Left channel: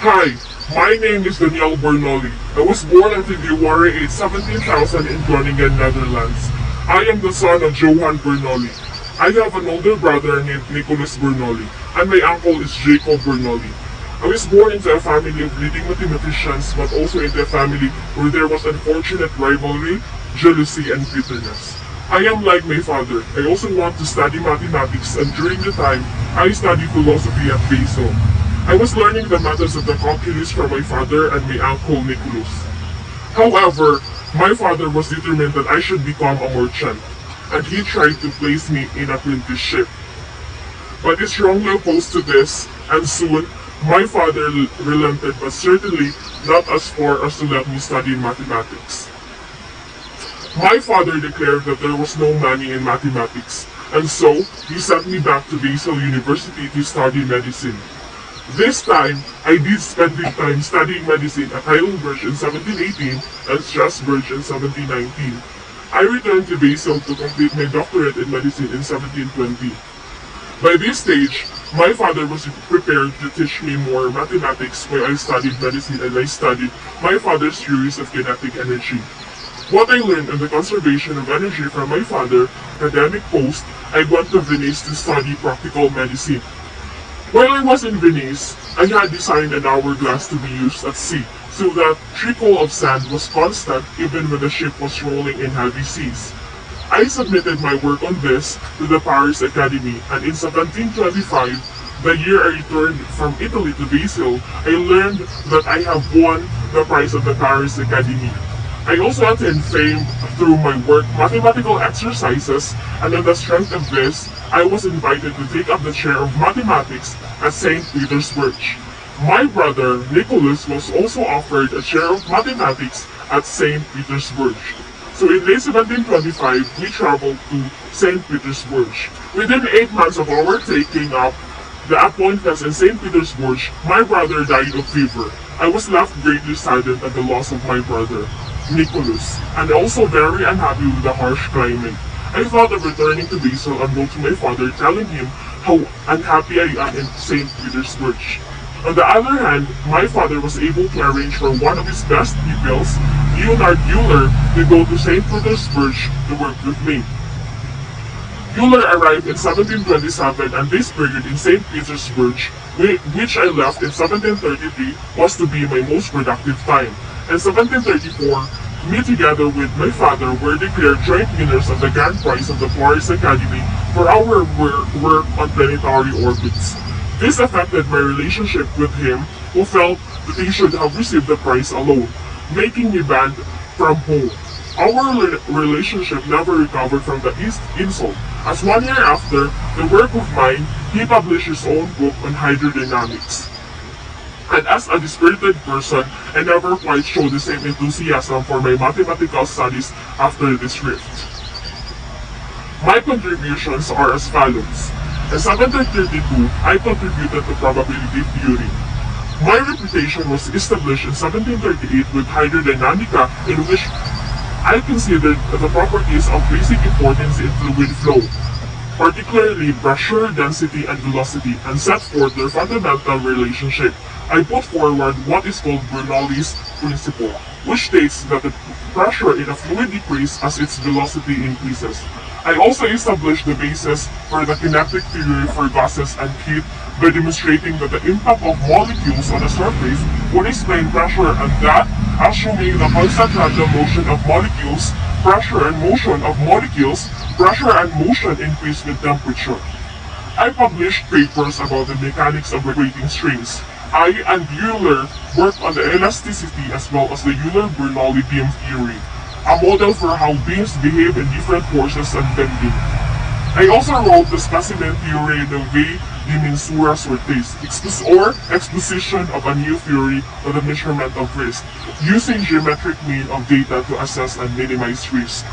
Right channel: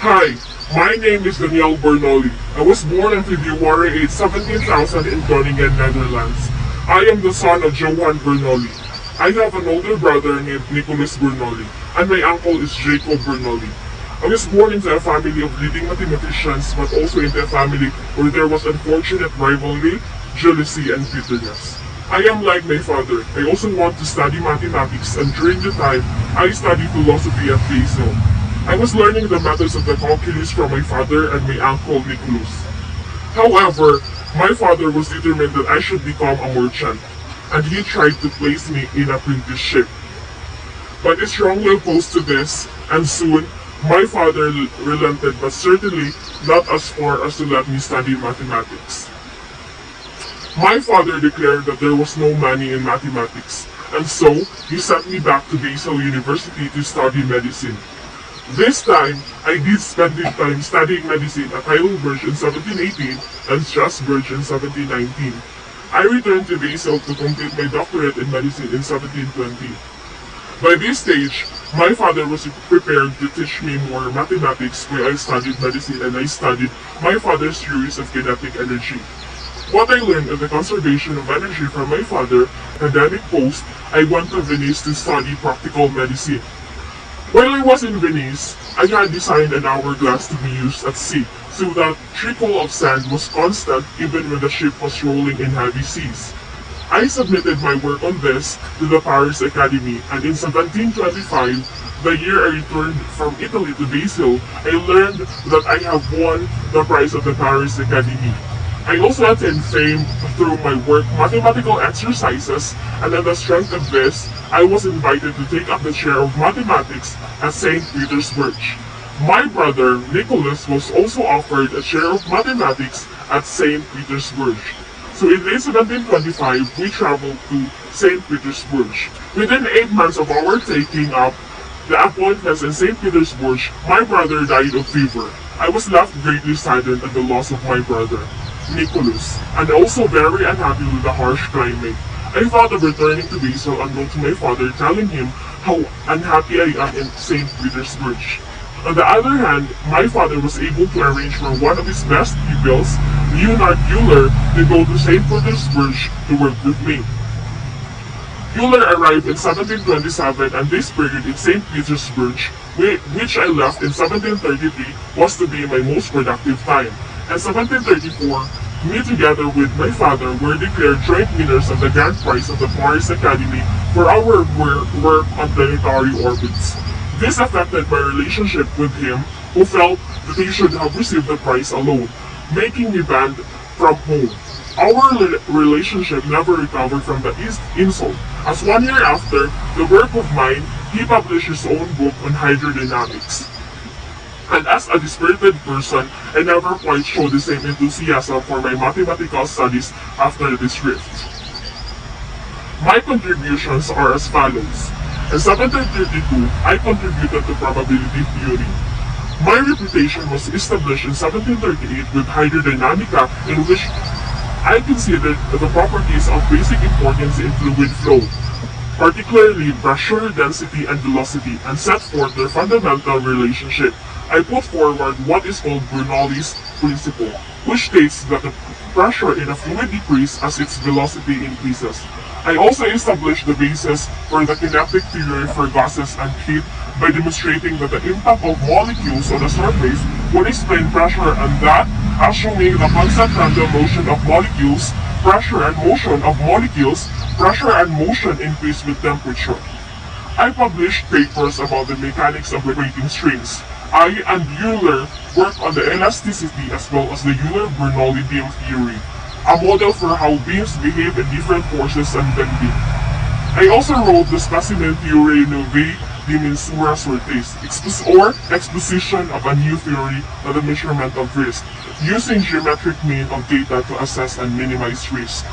Hi, my name is Bernoulli. I was born on February 8, 17,000 in Groningen, Netherlands. I am the son of Johan Bernoulli. I have an older brother named Nicholas Bernoulli, and my uncle is Jacob Bernoulli. I was born into a family of leading mathematicians, but also into a family where there was unfortunate rivalry, jealousy, and bitterness. I am like my father. I also want to study mathematics, and during the time, I studied philosophy at Basel. I was learning the methods of the calculus from my father and my uncle Nicholas. However, my father was determined that I should become a merchant, and he tried to place me in apprenticeship. But I strongly opposed to this, and soon my father relented, but certainly not as far as to let me study mathematics. My father declared that there was no money in mathematics, and so he sent me back to Basel University to study medicine. This time, I did spend the time studying medicine at Heidelberg in 1718 and Strasbourg in 1719. I returned to Basel to complete my doctorate in medicine in 1720. By this stage, my father was prepared to teach me more mathematics when I studied medicine, and I studied my father's theories of kinetic energy. What I learned on the conservation of energy from my father, academic post, I went to Venice to study practical medicine. While I was in Venice, I had designed an hourglass to be used at sea, so that trickle of sand was constant even when the ship was rolling in heavy seas. I submitted my work on this to the Paris Academy, and in 1725, the year I returned from Italy to Basel, I learned that I have won the prize of the Paris Academy. I also attained fame through my work mathematical exercises, and on the strength of this, I was invited to take up the chair of mathematics at St. Petersburg. My brother, Nicholas, was also offered a chair of mathematics at St. Petersburg. So in May 1725, we traveled to St. Petersburg. Within 8 months of our taking up the appointments in St. Petersburg, my brother died of fever. I was left greatly saddened at the loss of my brother, Nicholas, and also very unhappy with the harsh climate. I thought of returning to Basel and go to my father telling him how unhappy I am in St. Petersburg. On the other hand, my father was able to arrange for one of his best pupils, Leonard Euler, to go to St. Petersburg to work with me. Euler arrived in 1727, and this period in St. Petersburg, which I left in 1733, was to be my most productive time. In 1734, me together with my father were declared joint winners of the grand prize of the Paris Academy for our work on planetary orbits. This affected my relationship with him, who felt that he should have received the prize alone, making me banned from home. Our relationship never recovered from the insult, as 1 year after the work of mine, he published his own book on hydrodynamics. And as a dispirited person, I never quite showed the same enthusiasm for my mathematical studies after this rift. My contributions are as follows. In 1732, I contributed to probability theory. My reputation was established in 1738 with hydrodynamica, in which I considered the properties of basic importance in fluid flow, particularly pressure, density, and velocity, and set forth their fundamental relationship. I put forward what is called Bernoulli's principle, which states that the pressure in a fluid decreases as its velocity increases. I also established the basis for the kinetic theory for gases and heat by demonstrating that the impact of molecules on a surface would explain pressure, and that, assuming the constant random motion of molecules, pressure and motion increase with temperature. I published papers about the mechanics of vibrating strings. I and Euler worked on the elasticity as well as the Euler-Bernoulli beam theory, a model for how beams behave in different forces and bending. I also wrote the specimen theory novae de mensura sortes, or exposition of a new theory for the measurement of risk, using geometric mean of data to assess and minimize risk.